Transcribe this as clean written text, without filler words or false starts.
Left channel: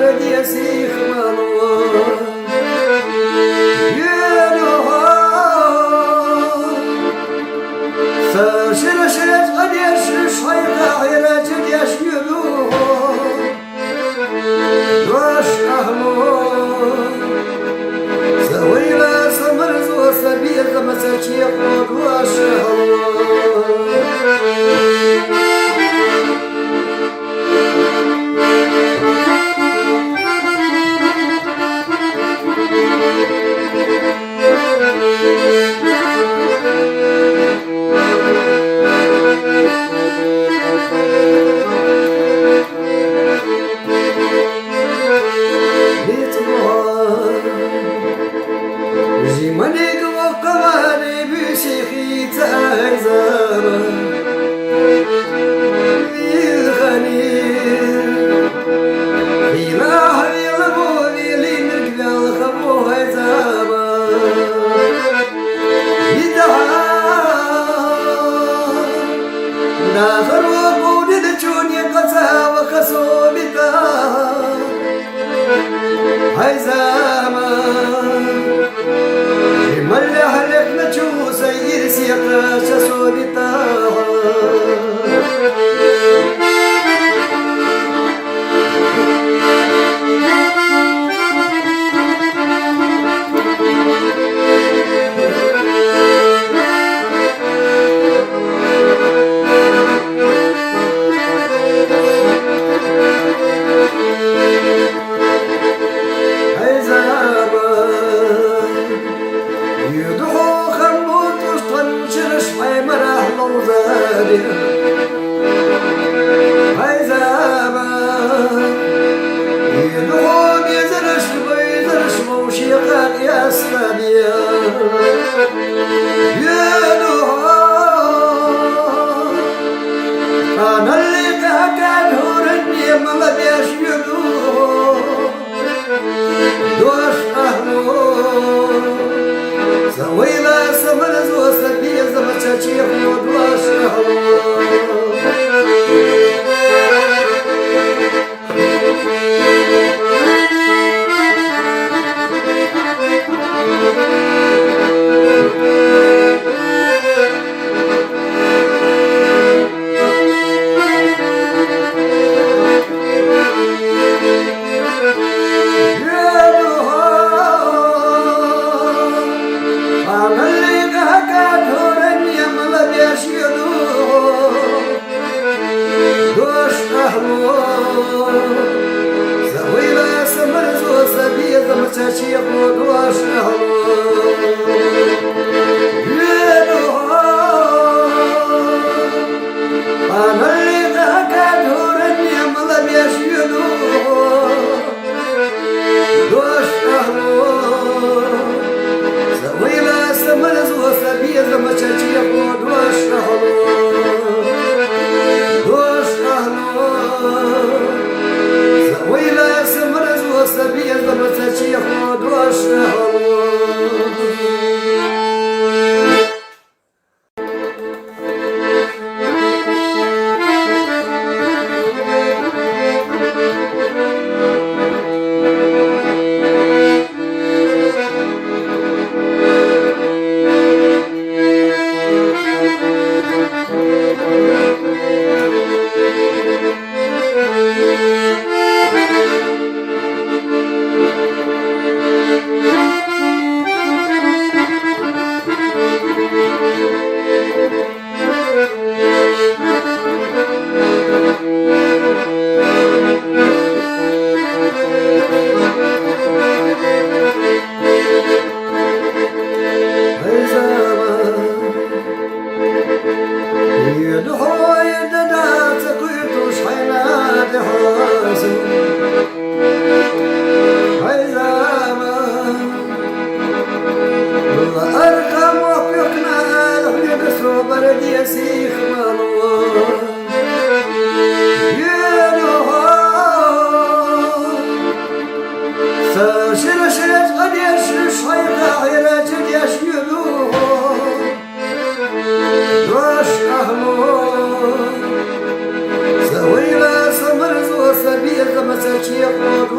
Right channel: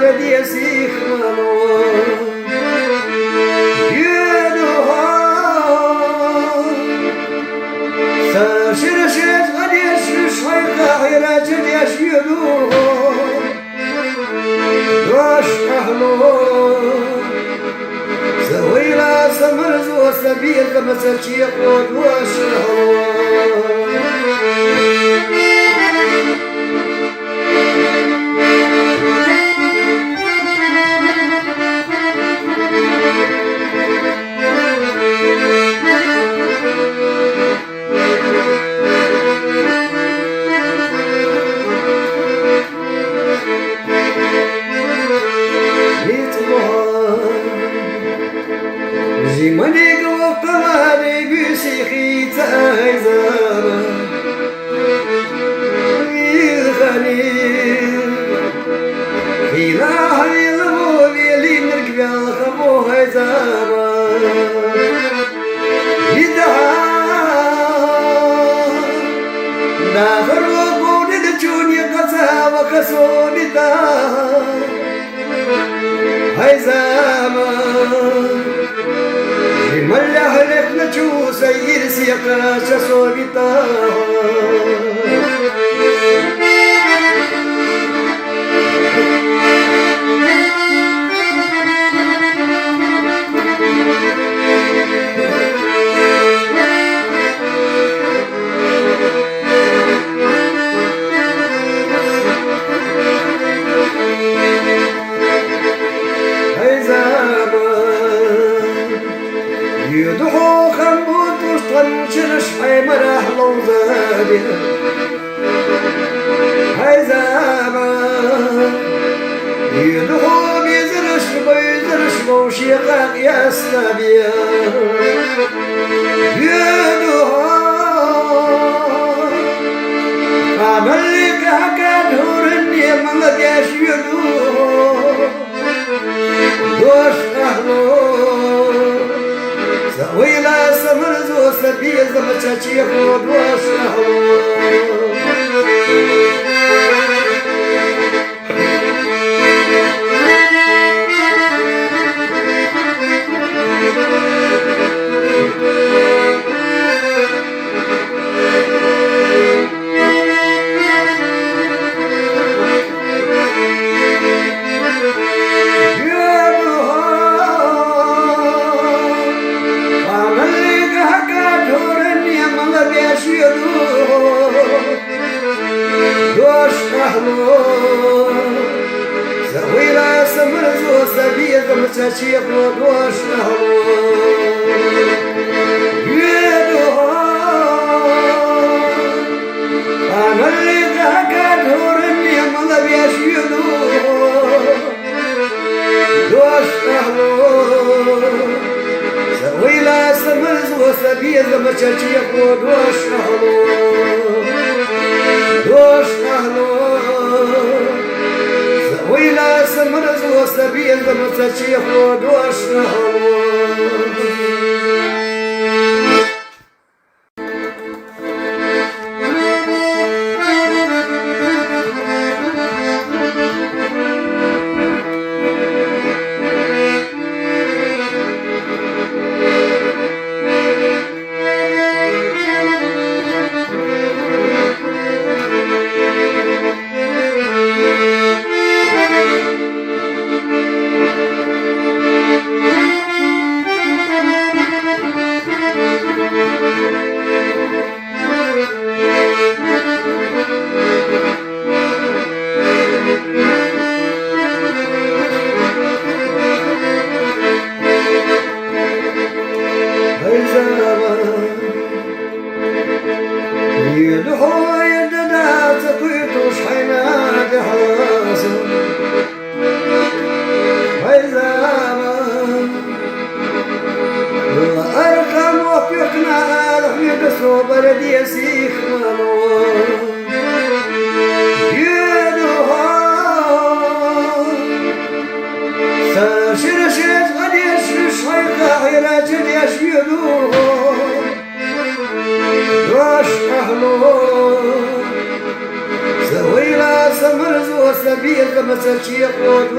بردي سيخنا سرشرشت غديش شحيطة غيرات دياش يدو واش أهلو سوينا سمرز وسبيل دمسة يقود واش أهلو زمنك وقمري بشيخي تأيزانا غني إله يلمولي لي مرقبي الخمو هيزانا يدها داخل وقود الجوني قسا وكسوني دا هيزانا ملا هلك نجوز يرسي قاش صوبتا يدعو خمود وسطن شرش حيمر أهل وزادي هاي زمان يدعو بيزرش بيزرش موشيقان يا سنابيا يدعو عمل لك هكاد هورني ممديش يدعو دوش أهلو سوينا سمرز وسبيل زمتشي خود واشهر سوينا سمرز وسبيل زمتشي خود واشهر سوينا سمرز وسبيل زمتشي خود واشهر ويلا سمرز وسبيل بمسجي خود واشهر بردي سيخنا سرشرشت غديش شحيطة غيرات دياش يدو واش أهلو سوينا سمرز وسبيل دمسة يقود